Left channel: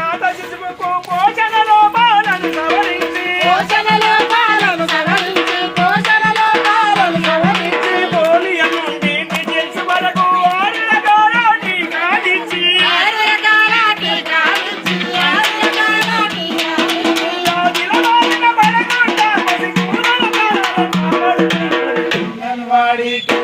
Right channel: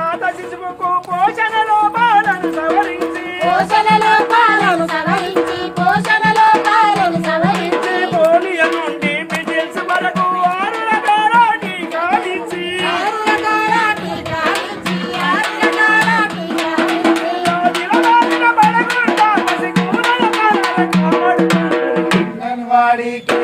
జాత శిశువుకు పోషణ లోపాలను సవరించి. పోషణ లోపాలను సవరించి పోషణ లోపాలను సవరించి. పోలియో నుండి మిడిల్స్ వరకు ఆరు రకాల టీకాలిచ్చి ఆరు రకాల టీకాలిచ్చి ఆరు రకాల టీకాలిచ్చి దిలవాడిన పడకుండా పసికూల రకాల వాడికి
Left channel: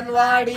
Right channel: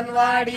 ಅಂಗನವಾಡಿ